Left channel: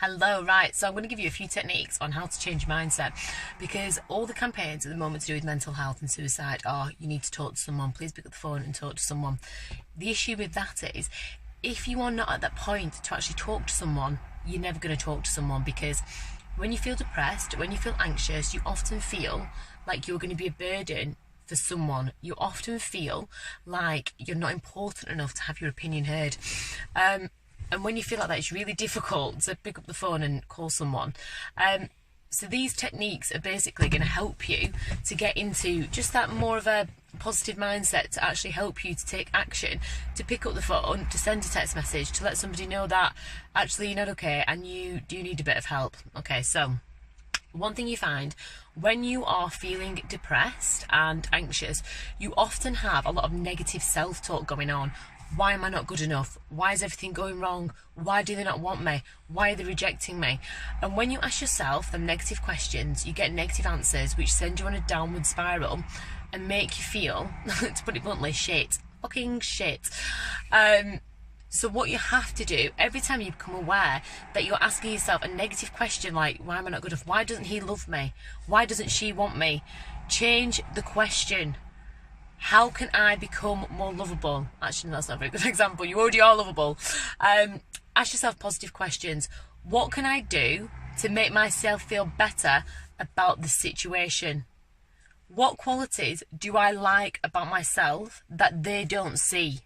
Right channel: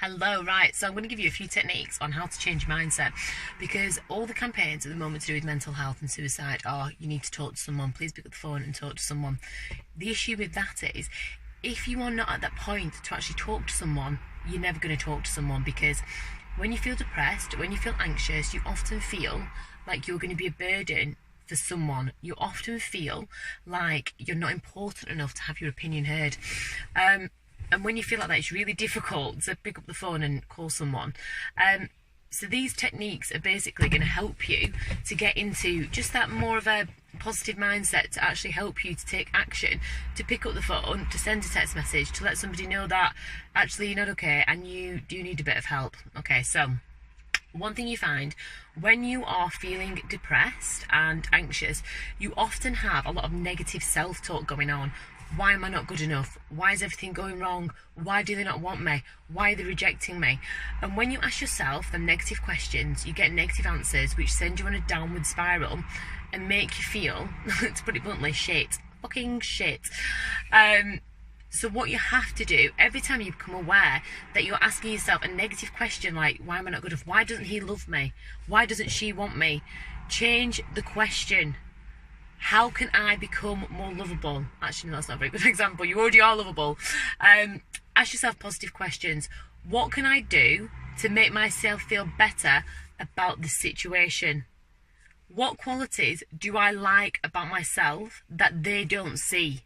Hello, right. So I'm going to give you a few techniques on how to change your mindset, because all the campaigns at the moment to do with mental health and suicide are you need to talk to someone, please pick up the phone and talk to someone. The issue with that is if you are not at that point to actually talk to someone, you're never going to talk to someone, because when you feel depressed, when you feel anxious, you often feel like you're going to be a burden for someone. You often feel like you're not important enough to have your opinion heard. And when you feel like that, it's really difficult to pick up the phone and call someone. So these techniques are basically going to help you to get into just that more of a positive mindset, to actually help you to take action, to pick up the phone, to send a text message, to let somebody know that actually you're not okay and you do need a bit of help. Okay, so one thing you find when you are feeling depressed and anxious, you often have a lot of negative self-talk going on. Why am I not good enough? Why is everything going wrong? Why do they not want me? Why are they rejecting me? And when you ask yourself the negative questions, you get negative answers which send you on a downward spiral and make you feel, to put it bluntly, shit. Fucking shit. So what you have to do, every time you become aware that you're asking yourself a negative question like, why am I not good enough? Why doesn't he love me? Why doesn't she want me? Change the question. How can I become more lovable? Actually, no, that's not a very good example. You already are lovable. Ask yourself positive questions. What can I do to make myself feel better about the situation? What qualities do I like about myself that they don't see?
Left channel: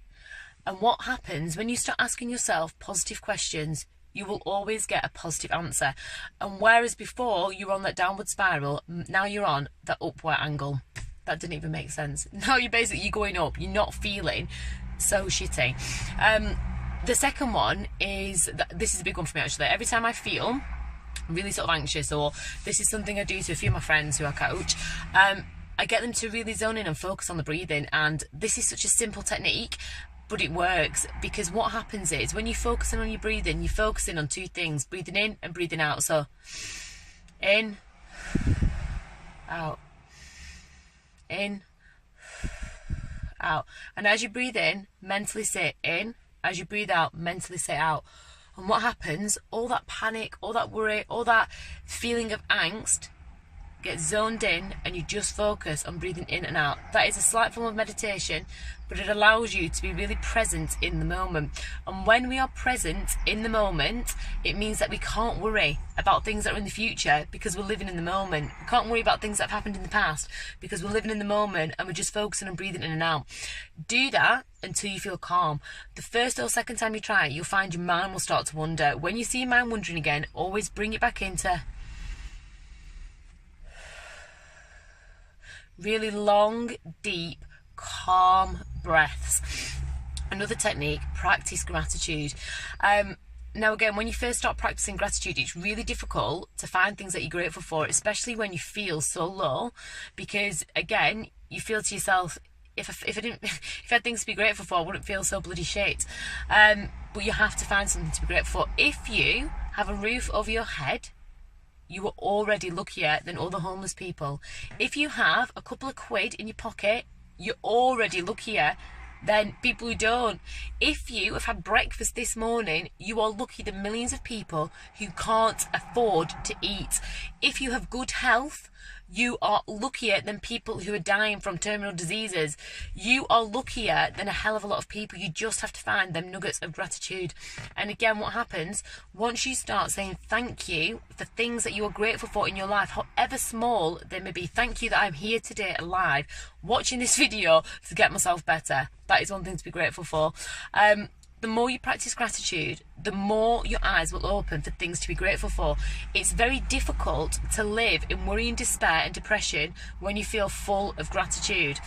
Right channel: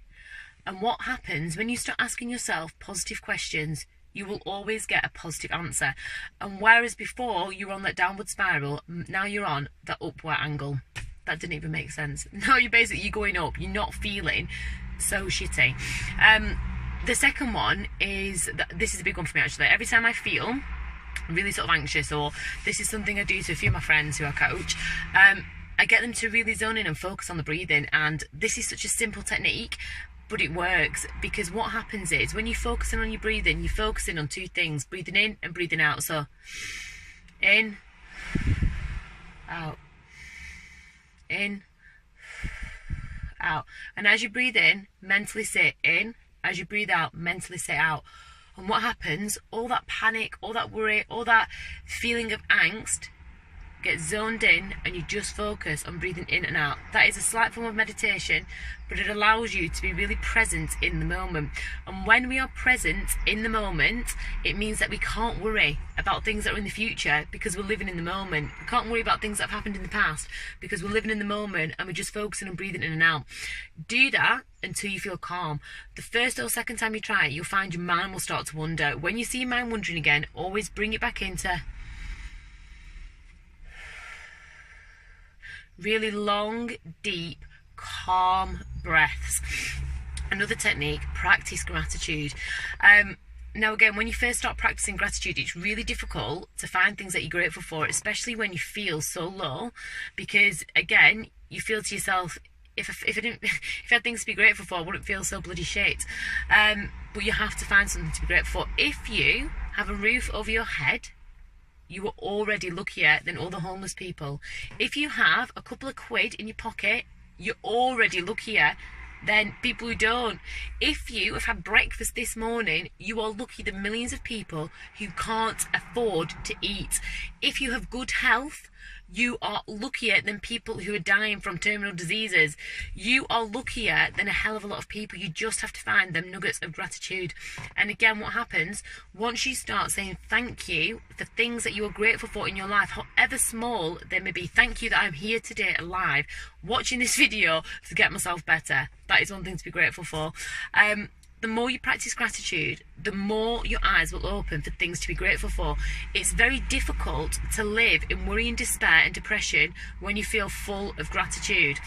And what happens when you start asking yourself positive questions, you will always get a positive answer. And whereas before you were on that downward spiral, now you're on the upward angle. That didn't even make sense. Now you're going up. You're not feeling so shitty. The second one is, this is a big one for me actually. Every time I feel really sort of anxious, or this is something I do to a few of my friends who I coach, I get them to really zone in and focus on the breathing. And this is such a simple technique, but it works, because what happens is when you're focusing on your breathing, you're focusing on two things, breathing in and breathing out. So in, out. In, out. And as you breathe in, mentally say in. As you breathe out, mentally say out. And what happens, all that panic, all that worry, all that feeling of angst gets zoned in, and you just focus on breathing in and out. That is a slight form of meditation, but it allows you to be really present in the moment. And when we are present in the moment, it means that we can't worry about things that are in the future, because we're living in the moment. We can't worry about things that have happened in the past, because we're living in the moment and we're just focusing on breathing in and out. Do that until you feel calm. The first or second time you try it, you'll find your mind will start to wander. When you see your mind wandering again, always bring it back into really long, deep, calm breaths. Another technique, practice gratitude. Now again, when you first start practicing gratitude, it's really difficult to find things that you're grateful for, especially when you feel so low, because again, you feel to yourself, if I had things to be grateful for, I wouldn't feel so bloody shit. But you have to find something to be grateful for. If you have a roof over your head, you are already luckier than all the homeless people. If you have a couple of quid in your pocket, you're already luckier than people who don't. If you have had breakfast this morning, you are lucky than millions of people who can't afford to eat. If you have good health, you are luckier than people who are dying from terminal diseases. You are luckier than a hell of a lot of people. You just have to find them nuggets of gratitude. And again, what happens once you start saying thank you for things that you are grateful for in your life, however small they may be. Thank you that I'm here today alive, watching this video to get myself better. That is one thing to be grateful for. The more you practice gratitude, the more your eyes will open for things to be grateful for. It's very difficult to live in worry and despair and depression when you feel full of gratitude.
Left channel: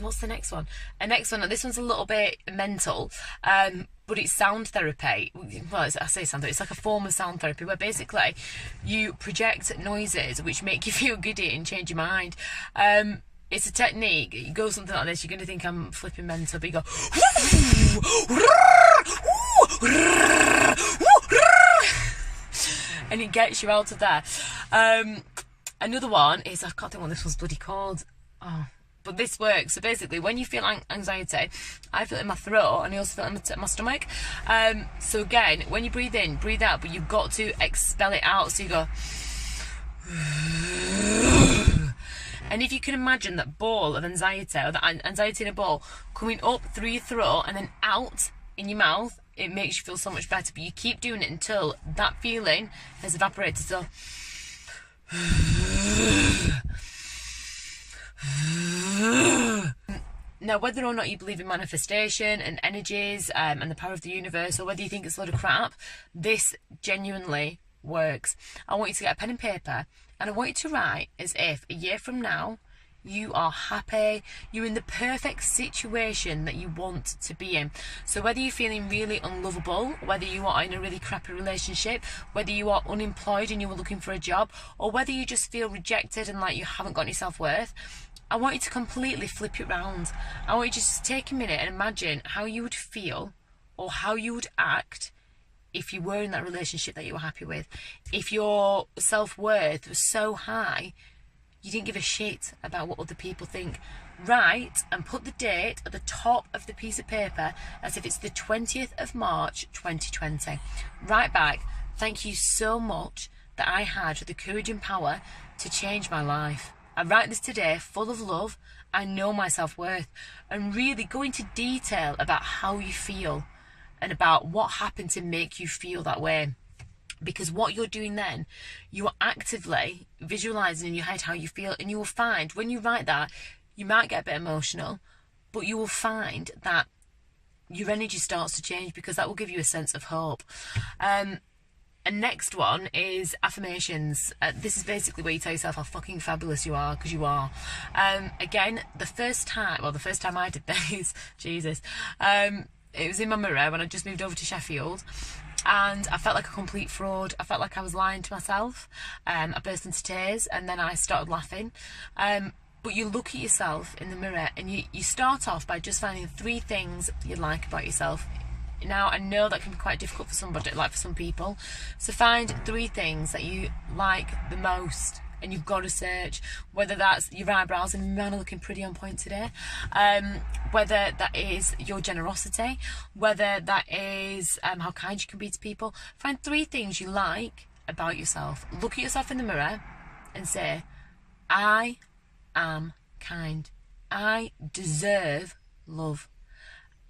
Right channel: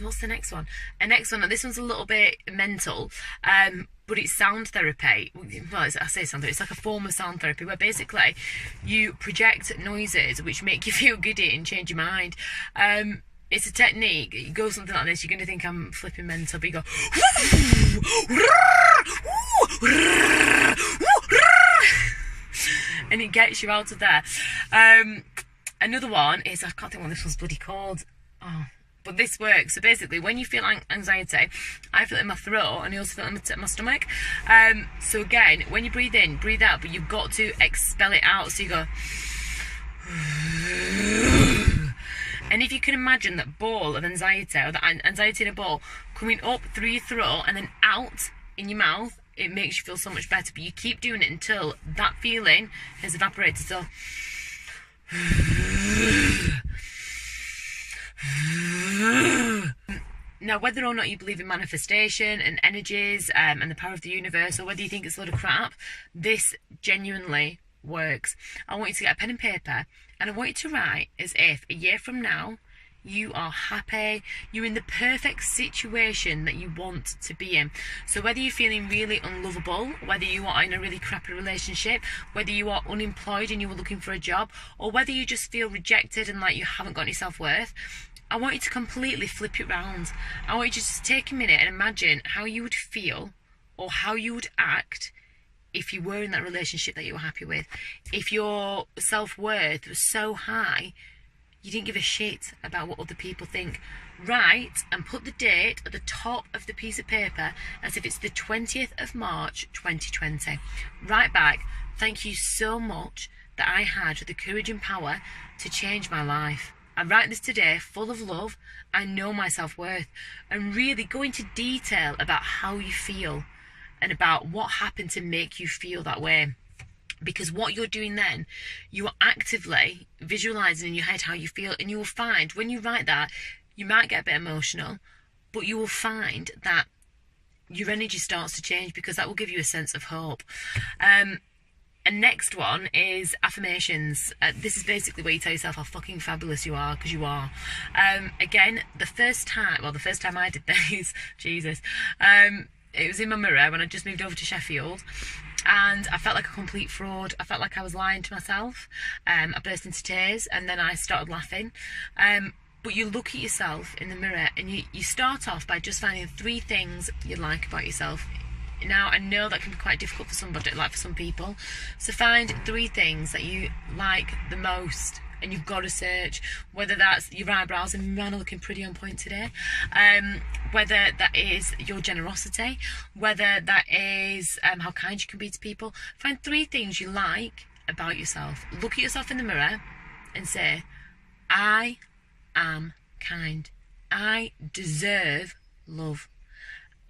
What's the next one? Next one, and this one's a little bit mental, but it's sound therapy. Well, I say sound therapy, it's like a form of sound therapy where basically you project noises which make you feel giddy and change your mind. It's a technique. You go something like this, you're going to think I'm flipping mental, but you go and it gets you out of there. Another one is, I can't think what this one's bloody called. Oh, But this works. So basically, when you feel anxiety, I feel it in my throat and I also feel it in my stomach. So again, when you breathe in, breathe out, but you've got to expel it out. So you go... And if you can imagine that ball of anxiety, or that anxiety in a ball, coming up through your throat and then out in your mouth, it makes you feel so much better. But you keep doing it until that feeling has evaporated. So... Now, whether or not you believe in manifestation and energies and the power of the universe, or whether you think it's a load of crap, this genuinely works. I want you to get a pen and paper, and I want you to write as if a year from now you are happy, you're in the perfect situation that you want to be in. So whether you're feeling really unlovable, whether you are in a really crappy relationship, whether you are unemployed and you were looking for a job, or whether you just feel rejected and like you haven't got any self-worth, I want you to completely flip it round. I want you to just take a minute and imagine how you would feel or how you would act if you were in that relationship that you were happy with. If your self-worth was so high, you didn't give a shit about what other people think. Write and put the date at the top of the piece of paper as if it's the 20th of March 2020. Write back, thank you so much that I had the courage and power to change my life. I write this today full of love. I know my self-worth. And really go into detail about how you feel and about what happened to make you feel that way. Because what you're doing then, you are actively visualizing in your head how you feel, and you will find when you write that, you might get a bit emotional, but you will find that your energy starts to change, because that will give you a sense of hope. And next one is affirmations. This is basically where you tell yourself how fucking fabulous you are, because you are. Again, the first time I did this, Jesus, it was in my mirror when I just moved over to Sheffield. And I felt like a complete fraud. I felt like I was lying to myself. I burst into tears and then I started laughing. But you look at yourself in the mirror and you start off by just finding 3 things you like about yourself. Now, I know that can be quite difficult for somebody, like for some people. So find 3 things that you like the most. And you've got to search, whether that's your eyebrows, and man are looking pretty on point today, whether that is your generosity, whether that is how kind you can be to people. Find 3 things you like about yourself. Look at yourself in the mirror and say, I am kind. I deserve love.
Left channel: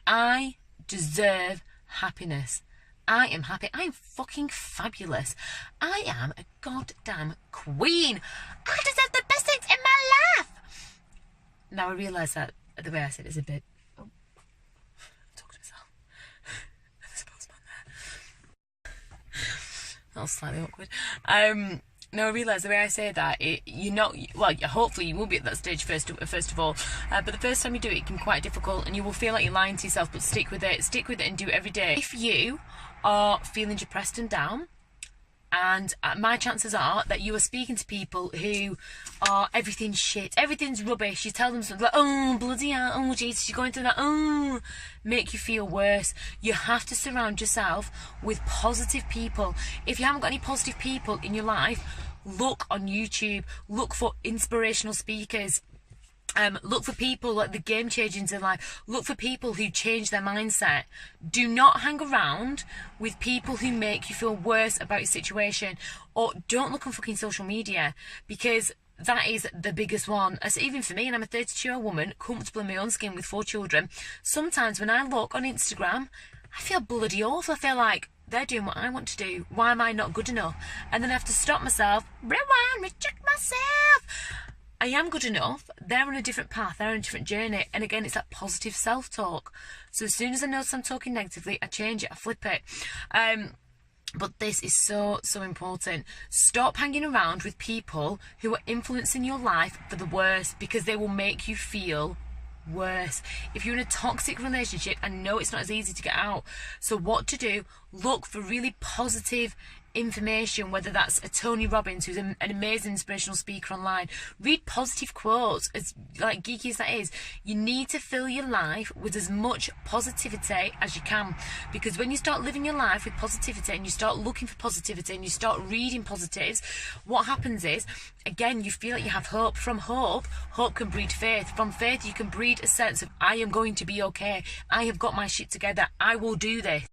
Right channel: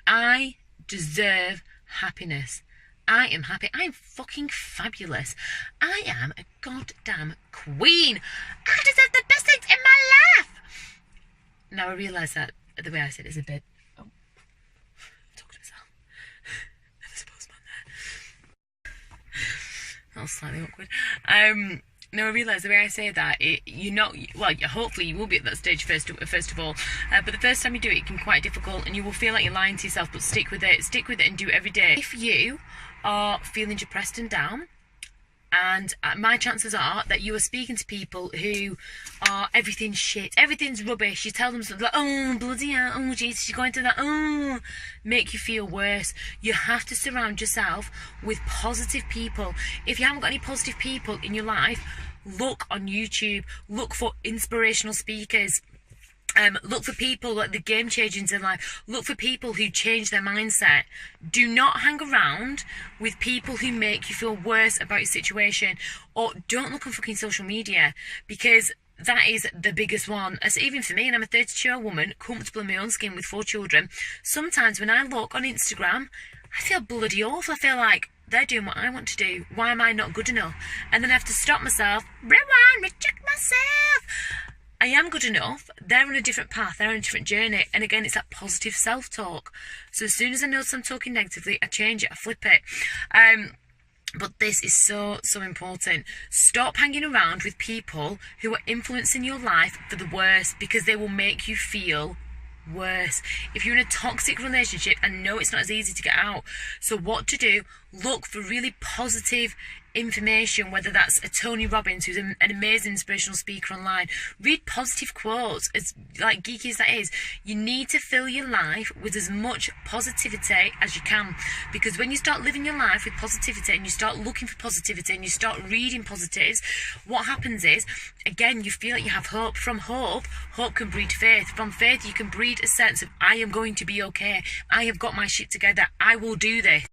I deserve happiness. I am happy. I am fucking fabulous. I am a goddamn queen. I deserve the best things in my life. Now I realise that the way I said it is a bit... Oh, I'm talking to myself. There's a postman there. That was slightly awkward. Now I realise the way I say that, you're not, well, hopefully you will be at that stage first of all, but the first time you do it, it can be quite difficult and you will feel like you're lying to yourself, but stick with it and do it every day. If you are feeling depressed and down, and my chances are that you are speaking to people who are everything's shit, everything's rubbish, you tell them something like, oh bloody hell, oh Jesus, you're going through that, oh, make you feel worse. You have to surround yourself with positive people. If you haven't got any positive people in your life, look on YouTube, look for inspirational speakers. Look for people like the game changers in life. Look for people who change their mindset. Do not hang around with people who make you feel worse about your situation. Or don't look on fucking social media, because that is the biggest one. As even for me, and I'm a 32-year-old woman, comfortable in my own skin with 4 children, sometimes when I look on Instagram, I feel bloody awful. I feel like they're doing what I want to do. Why am I not good enough? And then I have to stop myself, rewind, reject myself. I am good enough. They're on a different path. They're on a different journey. And again, it's that positive self-talk. So as soon as I notice I'm talking negatively, I change it. I flip it. But this is so, so important. Stop hanging around with people who are influencing your life for the worse, because they will make you feel worse. If you're in a toxic relationship, I know it's not as easy to get out. So what to do? Look for really positive, information, whether that's a Tony Robbins, who's an amazing inspirational speaker online. Read positive quotes. As like geeky as that is, you need to fill your life with as much positivity as you can, because when you start living your life with positivity and you start looking for positivity and you start reading positives, what happens is, again, you feel like you have hope. From hope can breed faith. From faith you can breed a sense of, I am going to be okay, I have got my shit together, I will do this.